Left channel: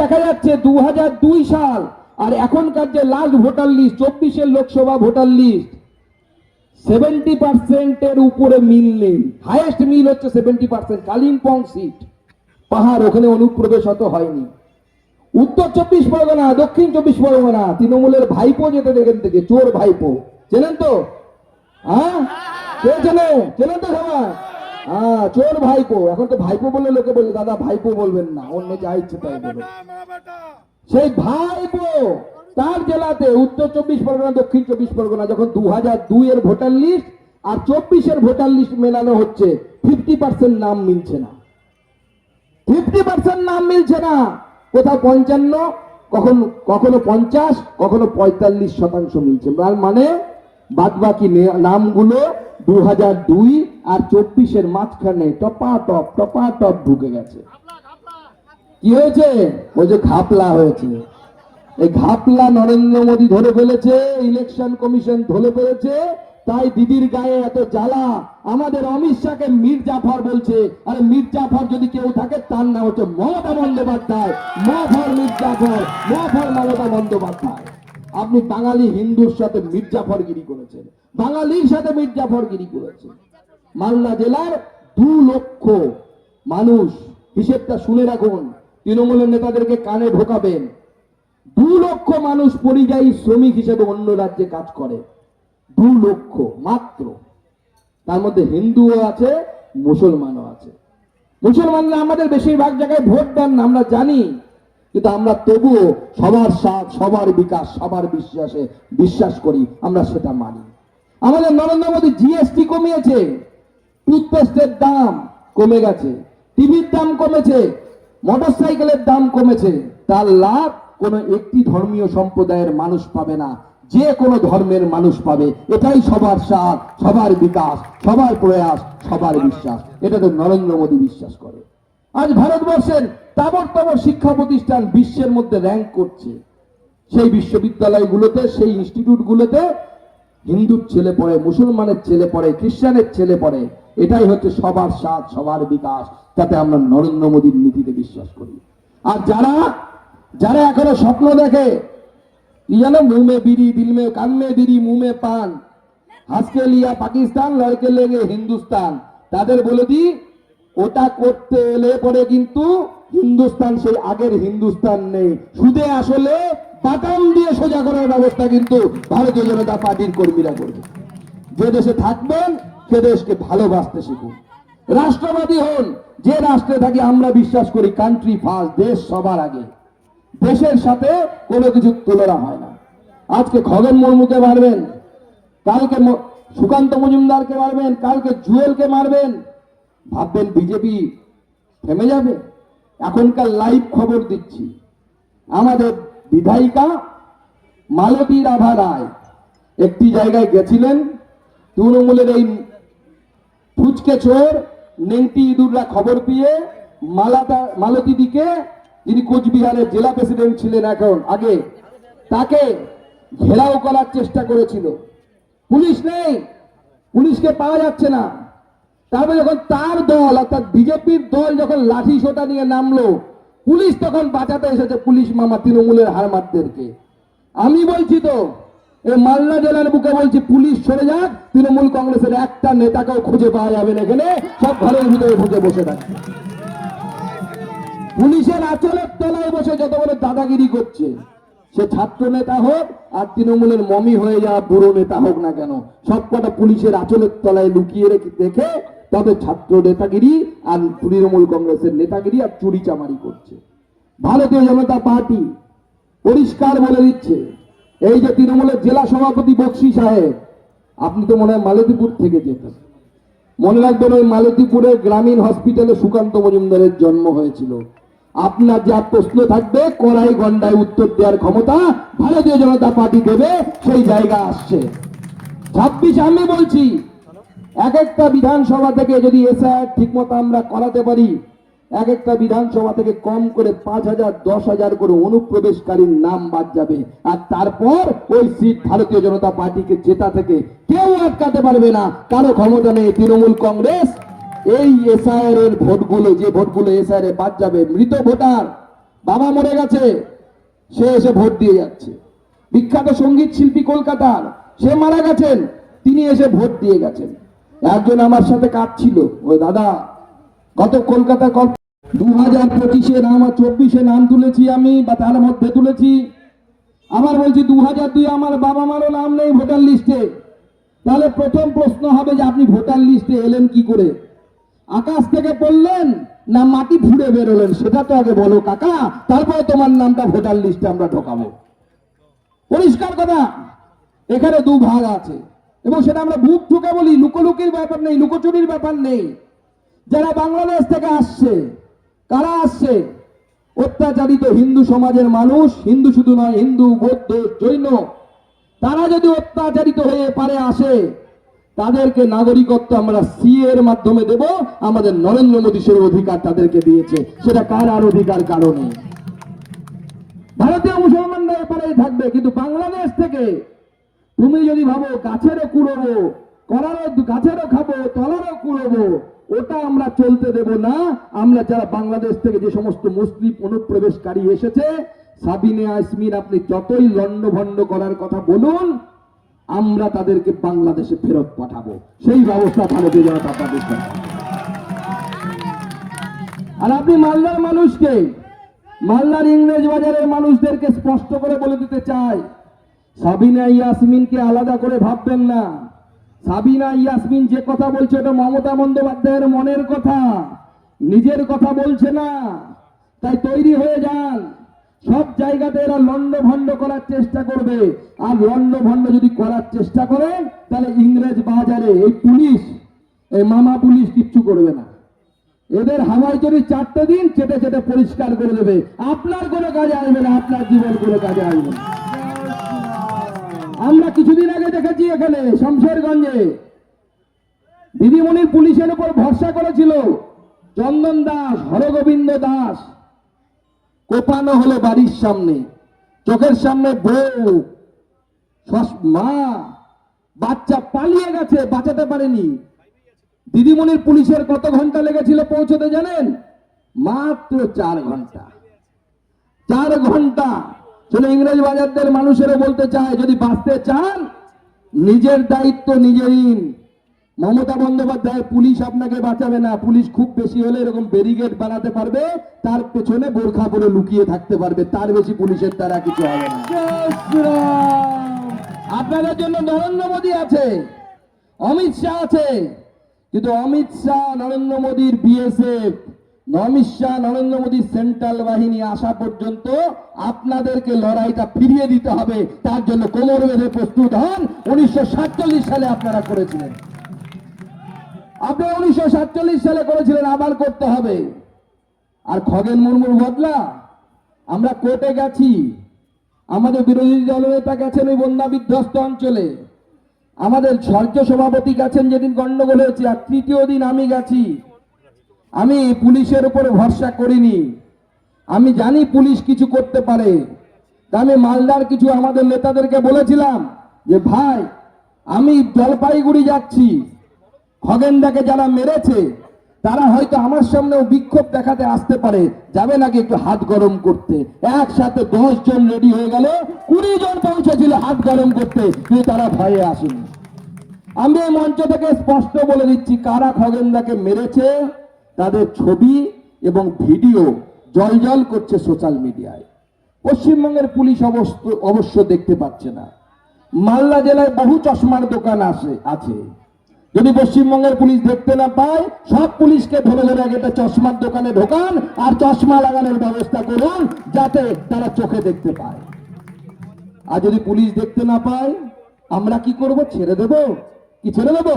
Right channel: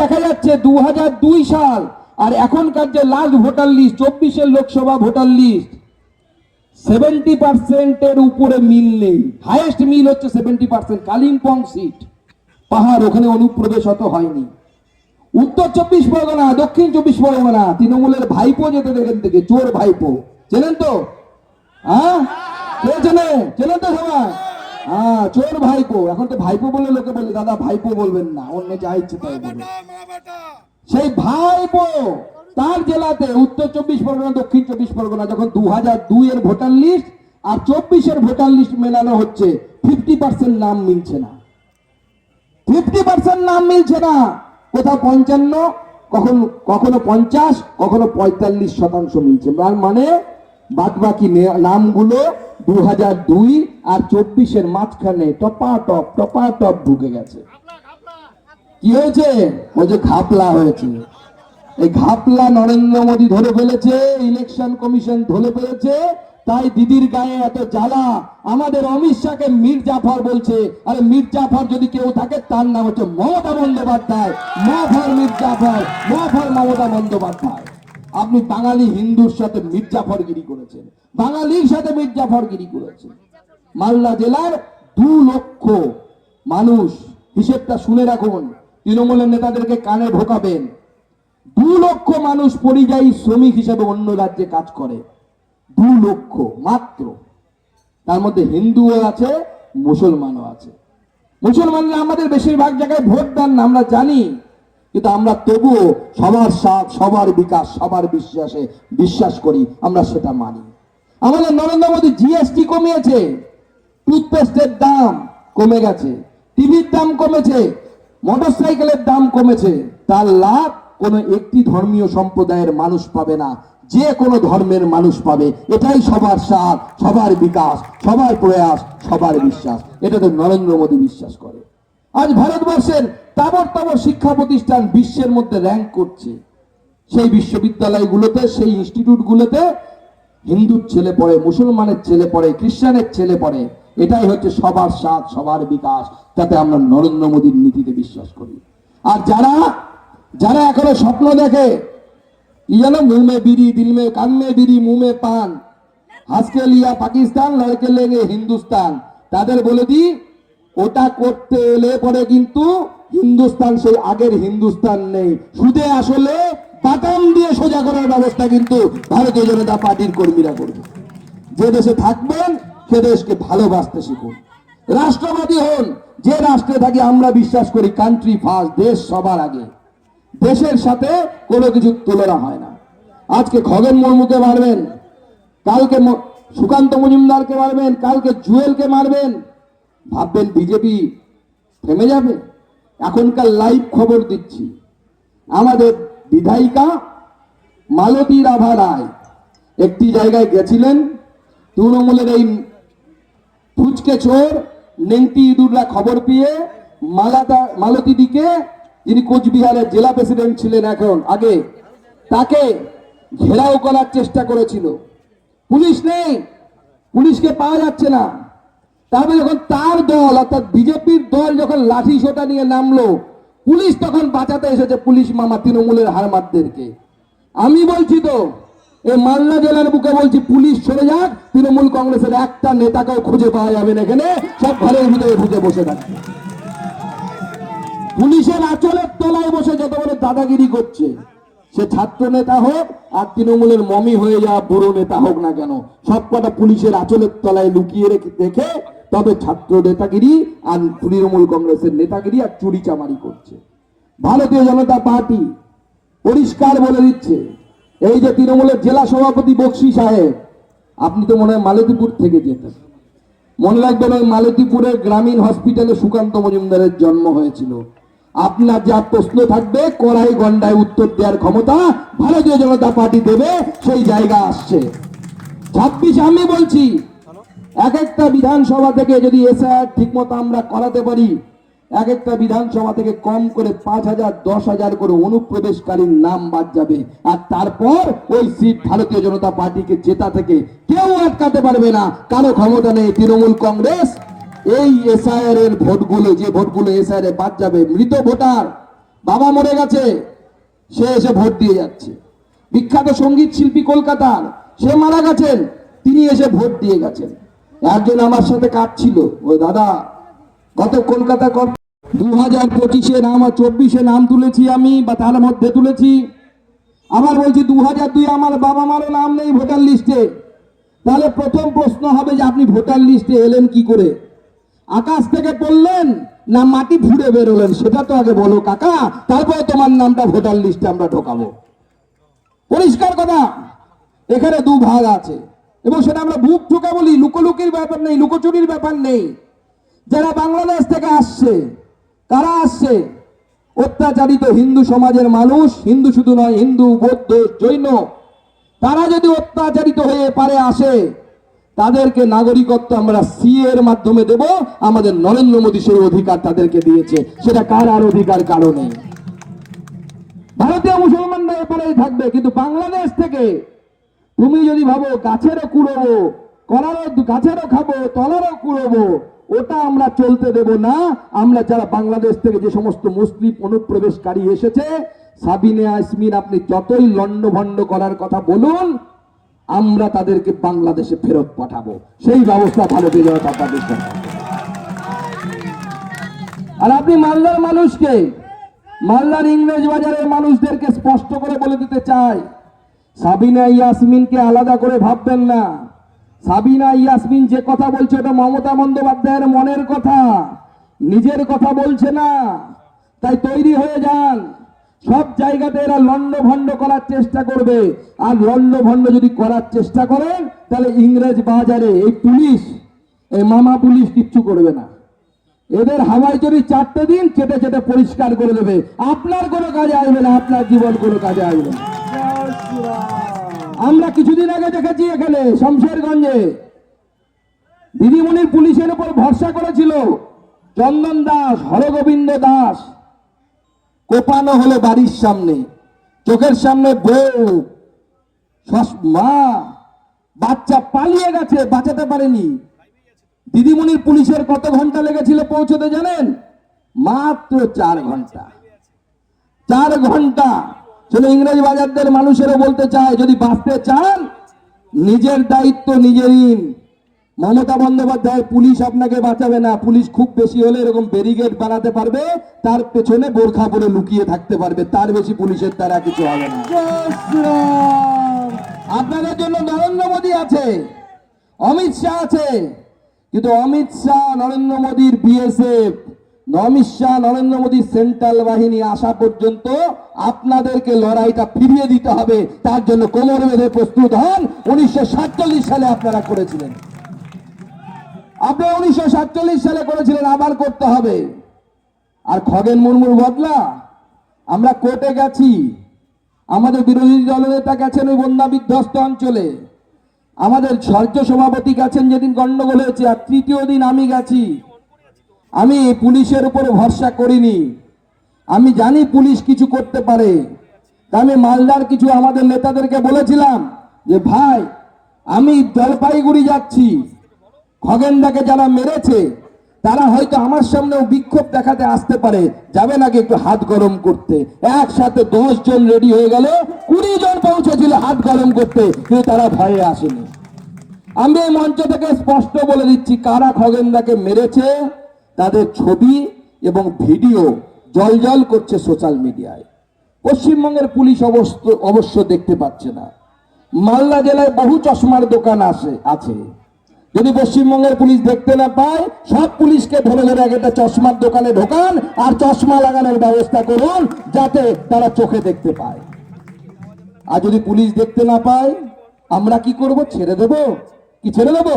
দেখা যাচ্ছে দু সাল আর এখনকার যে লাস্ট ভোটার লিস্ট চব্বিশের লোকসভা ভোটার লিস্ট সেভেন্টি পার্সেন্টের উপরে মিল নেই। হাইয়েস্ট মিল হচ্ছে সেভেন্টি পার্সেন্ট কালিম্পং সিট পাহাড় ওখানে অনুপ্রবেশ অত হয়নি। উত্তর চব্বিশ পরগনা, দক্ষিণ চব্বিশ পরগনা, তৃণমূলের ভাইপো যেতে দেখেন থেকে চোর ভাইপো। চেনেন তো? হ্যাঁ? কে চেনে? চেনেন তো সবাই? হ্যাঁ চোর ভাইপো। এখন তো ভাইপো বলে লোকে বলে দাদা ভাইপো বলবেন না অন্য যা ইচ্ছে তাই বলবেন সেই ভাইপো তার জেলাতে উত্তর চব্বিশ পরগনা দক্ষিণ চব্বিশ পরগনা যখন দু হাজার দুই এর ভোটার লিস্ট আর চব্বিশের ভোটার লিস্ট মেলানো হচ্ছে ফিফটি পার্সেন্ট নাম মিলছে না। ফিফটি পার্সেন্ট নাম মিলছে না। কোথাও পঞ্চান্ন কখনো কখনো পঞ্চাশ কখনো পঁয়তাল্লিশ শতাংশ মিলছে। তার মানে বাদ বাকি নামগুলো দু হাজার দুই আর মাঝখানে টপা টপ টপা টপ ঢুকে গেছে। কি হয়েছে? ও যে ঘাপলা হয়েছে। এই ঘাপলা নরেন্দ্র মোদী ধরে ফেলেছে, ইলেকশন কমিশন ধরে ফেলেছে, তাই দিদির গায়ে এত জ্বালা। আমাদের অমিত শাহকে মীর জাফর বলছে, আরে মীর জাফর যদি কেউ থাকে, তার নাম হচ্ছে মমতা বন্দ্যোপাধ্যায়। মফর মীর জাফর, মফর মমতা বন্দ্যোপাধ্যায়। আপনি বাঙালি হিন্দুর সাথে মীর জাফরগিরি করেছেন। বাঙালির সাথে মীর জাফরগিরি করেছেন মালদা জেলার দু লক্ষ মানুষ, হিসেবটা শুনে রাখুন, তৃণমূলের নেতাদেরকে কানে ঢোকাবেন। দু লক্ষ মানুষ পরিযায়ী শ্রমিক হিসেবে অন্য রাজ্যে কাজ করে। দু লক্ষ মাত্র। তার মধ্যে হিন্দুও আছে, মুসলমানও আছে। মুসলমানরা আমাদের বেশিরভাগ জায়গায় ভোট দেন না, আমরা জানি। কিন্তু আমরা তবুও সবার সাথ, সবার বিকাশ, সবার বিশ্বাসে বিশ্বাস করি, আমরা সেটা মানি। আমাদের নরেন্দ্র মোদী জিএসটি কমিয়েছে। টুথপেস্টের দাম কমে গেছে, টিভির দাম কমেছে মোটরসাইকেলের দাম কমেছে। তার লাভ কোনো একটি ধর্মীয় সম্প্রদায়ের মানুষ পাবে না, যে কোনো ধর্মের মানুষ পাবে। এটাই সবার সাথ সবার বিকাশ, সবার প্রয়াস, সবার বিশ্বাস। এটা তো নরেন্দ্র মোদী বিশ্বাস করে। আজ ভারতবর্ষের তাবর তাবর শিক্ষা প্রতিষ্ঠান বিশ্বের মধ্যে র্যাঙ্ক করছে। সেই বিশ্ববিদ্যালয়গুলোতে, সেই ইনস্টিটিউটগুলোতে হিন্দুর ছেলে পড়ে, মুসলমানের ছেলে পড়ে, খ্রিস্টানের ছেলে পড়ে, এটাই হচ্ছে সবার সাথ সবার বিকাশ। যাতে আমরা নরেন্দ্র মোদীর নীতিতে বিশ্বাস করি। আর যারা যারা এখনও স্বপ্ন দেখে মুহ বিড়ি দিল মে কান মে বিড়ি মুহ মে পান হাসকে লিয়া পাকিস্তান, লড়কে লেগে হিন্দুস্তান, তাদের বলে দি ওটা করতে এলে পরে কিন্তু হিন্দুস্তান সেই আগের হিন্দুস্তান নেই। সুদে আসলে বাটাম দিয়ে সোজা করার ব্যবস্থা কিন্তু ভারতীয় জনতা পার্টির কর্মীরা করবে। যে দেশে থাকবেন, সে দেশকে ভালোবাসতে শিখুন। রাষ্ট্রবাদী হন, যে রাষ্ট্রে থাকি আমরা বিশ্বাস করি কান্ট্রি ফার্স্ট দেশ সবার আগে। দেশের সাথে কোনো কিছু তুলনা হয় না। আজকে খগন মুর্মুকে মারবেন, কালকে সুকান্ত মজুমদারকে মারবেন, কালকে জুয়েলকে মারবেন। ভাববেন বিজেপি থেমে যাবে? এখনকার লাইভ খবর দিচ্ছি। আমাদের বিধায়িকা মালতী রাভা রায়। একটি জায়গায় গেছিলেন, তৃণমূলের এই ফুচকে চোর নেংটি ইঁদুররা খবর পেয়ে মালাতা মালতীদিকে, যিনি কোচবিহারের জেলা প্রেসিডেন্ট ছিলেন এখন, আগে, তাকে ঘেরাও করার চেষ্টা করেছিল। পুলিশ নেই, পুলিশকে পাওয়া যাচ্ছে না। তারপরে যখন তার দল, অর্থাৎ বিজেপির দল যখন লাঠি সোটা নিয়ে নামলো পুলিশ তখন বাঁচাতে এসেছে পুলিশ মামা তৃণমূলের হারমাতদেরকে আমি বলছি তো, এই মালদা জেলার বুকে বলছি, পুলিশ সরে যাক, তৃণমূল কংগ্রেসের একটা নেতাকেও খুঁজে পাওয়া যাবে না এখানে, সব ঘরের ভিতরে ঢুকে বসে থাকবে পুলিশের আচলের তলায় বসে যত বড় দাদাগিরি করছে, সে ছাত্র নেতা হোক আর তৃণমূলের মমি হয়ে যাওয়া বুড়ো নেতা হোক না কেন সব কটা পুলিশের আচলের তলায় লুকিয়ে রেখে দেখে তবে ছাত্র নেতাগিরি আর তৃণমূল কংগ্রেসের নেতাগিরি আর চুরি চামারি করছে। ভারতীয় জনতা পার্টি পরিষ্কার বলে দিচ্ছে, এই যে তৃণমূলের জেলা সভাপতি বক্সি সাহেব, আপনি তো মনে হয় মালতীপুর থেকে যেতেন। মনে রাখবেন ওই মালতীপুরের গ্রামীণ হসপিটালে সুকান্ত মজুমদারের জন্ম হয়েছিল। আপনার যা প্রশ্ন থাকবে, কড়াই গন্ডায় উত্তর দেওয়ার ক্ষমতা ভারতীয় জনতা পার্টি দেবে, সেই জায়গা আসছে। ছাব্বিশ আমি বলছি এক একটা বিধানসভা থেকে যদি এসআইআর ঠিক মতো আমরা করাতে পারি, এক একটা বিধানসভা থেকে কম করে পাঁচ হাজার, দশ হাজার করে অনুপ্রবেশকারীর নাম বাদ যাবে। আর তারপর ওই সিট ভারতীয় জনতা পার্টিকে জেতা থেকে কেউ আটকাতে পারবে না। কারও ক্ষমতা নেই তৃণমূল কংগ্রেস। এই এসআইআর এর ভোটগুলো, যে ভোটগুলো এসআইআর এ বাদ যাবে, মৃত ভোটার, বাবা মরে গেছে, সে এসে ভোট দিয়ে যাচ্ছে। বিখ্যাত সংগীত শিল্পী কলকাতার, সে মারা গেছেন, তিনি এসে ভোট দিয়ে গেছেন। একজন আমার সাথে কাটছিল ওই দাদা, গত কলকাতা দু হাজার পঁচিশে নাম চব্বিশে নাম তুলেছি আমি, বা তার মধ্যে তুলেছি। আবার বলছি দু হাজার দুই আমার বাবা মারও নাম নেই ভোটার লিস্টে। তাহলে প্রথম প্রশ্ন হবে যে আপনি ভোটার লিস্টে এলেন কি করে? আকাশ থেকে পড়লেন না মাটি ফুড়ে বেরোলেন? সেটা তো আগে বলো কাকা, তারপরে তোমার নামটা ভোটার লিস্টে আমরা ঢোকাবো। পরিষ্কার কথা, এখানে দু ভাগ আছে। এবং সেটা আমরা বুক ঠোকা বলি, লুকোলুকির ব্যাপার নেই, লুকোচুরির ব্যাপার নেই। যারা বাংলাদেশ থেকে আসছে, তারা আসছে। অত্যাচারিত হিন্দু সমাজের মানুষ, হিন্দু শুধু নয়, হিন্দু, বৌদ্ধ, জৈন, তারা যদি অত্যাচারিত হয়ে পারে আসে, তাদেরকে নাগরিকত্ব আমরা সি এর মাধ্যমে দেব। আমাদের নরেন্দ্র মোদী সেই অধিকার তাদেরকে দিয়েছে। সেটা কার আর অধিকার কারণে ভারতীয় মুসলমানদের পরেই থাকবে, কিন্তু বাংলাদেশ থেকে তুমি যদি ভাবো গাছেরও কুড়োবো, কলারও গাছেরও খাব, তলারও কুড়োবো, ওটা আমরা চলতে দেব না। আমরা যারা বাংলাদেশ থেকে যে সমস্ত মুসলিম অনুপ্রবেশকারী এসেছে, সাবিনে আসমিন আপনি যতই লন্ডভন্ড করার কথা বলুন, আমরা তাদেরকে বাংলাদেশে ফেরত পাঠাবো। সেই ব্যবস্থা ভারতীয় জনতা পার্টি। আর আপনি মালদার মানুষকে, মালদার ইংরেজ বাজারের মানুষদেরকে স্পষ্ট করে বলে দিতে চাই। সাবিনা ইয়াসমিনকে আলাদা করে ভাববেন না। সাবিনা ইয়াসমিন যে কথা বলছে ওটা মমতা বন্দ্যোপাধ্যায়ের মনের কথা। নিজের কথা বলছে না। তাই তৈরি হয়ে যান। সব জায়গাতে এরা লন্ড ভন্ড করার চেষ্টা করবে। আর লন্ড ভন্ড যদি করার চেষ্টা করেন তাহলে ইংরেজ বাজারে এই পুলিশ, এই মামা পুলিশ কিচ্ছু করবে না। এদের হাওয়াই চুরি চারটে দিন চেটে চেটে পরিষ্কার করে দেবে, আপনার কোনো কাজে আসবে না, আপনার জীবন কোনো কাজে আসবে না। আমরা কিছুদিন আগে দেখেছি এখানে, শমশেরগঞ্জে। দিদিমণির পুলিশের উপর ভরসা করেছিল চন্দন দাস, হরগোবিন্দ দাস। কোপানো হলো বাড়ির সামনে, চোখের সামনে বউ মা, বাচ্চা পালিয়ে গেছে, বাঁচাতে পারেনি। দিদিমণির পুলিশের কত ঘণ্টা লেগেছিল পৌঁছতে জানেন? মাত্র চার ঘণ্টা। চার ঘণ্টা। চলে ইংরেজ বাজারদের মানুষেরও বলতে চায় যদি বাঁচতে চান নিজের দায়িত্ব নিজে নিন। মমতা বন্দ্যোপাধ্যায় পুলিশ আপনাকে বাঁচাবে না। পুলিশ খুব বেশি হলে এরকম ব্যারিকেড বানাতে পারবে তার পেছনে বোরখা পরে লুকিয়ে থাকতে পারবে তার বেশি পুলিশের দ্বারা কিছু হবে না। আপনাদের জন্য নরেন্দ্র মোদী আছে অমিত শাহ আছে কিন্তু অমিত শাহ নরেন্দ্র মোদীর বিএসএফ শাহ নরেন্দ্র মোদীর সেন্ট্রাল বাহিনী আসা পর্যন্ত আপনাদেরকে লড়াইটা ফিরিয়ে দিতে হবে। তার জন্য কোমর বেঁধে প্রস্তুত হন। উনিশশো সাতচল্লিশ সালে আপনারা করেছিলেন। আপনারা উনিশশো সালে করেছিলেন, আবার করতে হবে। আর খগেন মুর্মুর বদলা? আমরা কোর্টে গেছি। আমাদের বিরোধী দলনেতা গেছেন ওই বন্যা বিধ্বস্ত অঞ্চলে। আমাদের রাজ্য সভাপতি গেছেন যেদিন গন্ডগোল হয়েছে, আর তৃতীয় দিন আমি গেছি। আমি পুলিশের উপর ভরসা করিনি। আমি জানি পুলিশ কিছু করতে পারে। আমি মালদার কিছু আমাদের নেতাদেরকে বলেছিলাম যে, ভাই, আমি জলপাইগুড়ি যাচ্ছি। খগেনদাকে যারা মেরেছে, তারা হয়তো আমার সামনেও বিক্ষোভ দেখাতে আসতে পারে। যাবে নাকি একটু হাত গরম করতে? একসাথে দশ জন রেডি হয়ে গেল। কুড়ি জন পৌঁছেছিল হাত গরম করতে, কিন্তু তারা ভয়ে আসেনি। আমি এই মঞ্চ থেকে স্পষ্ট বলে দিচ্ছি, কারা খগেনদাকে মেরেছে? তাদের ছবি এবং ভিডিও জল জল করছে সোশ্যাল মিডিয়ায়। পশ্চিমবঙ্গের পুলিশ অবশ্য অবশ্য দেখতে পাচ্ছে না। মালদা জেলায় বহু চশমার দোকান আছে আছে। যদি পশ্চিমবঙ্গের পুলিশ দেখতে না পায়, সব পুলিশকে ধরে ধরে এক একটা চশমার দোকানে ঢোকান আর চশমা লাগানোর ব্যবস্থা করুন যাতে তারা চোখে দেখতে পায়। আর যদি পুলিশ দেখতে না পায়, আমরা কি করব? ছেড়ে দেব? কি ছেড়ে দেবো?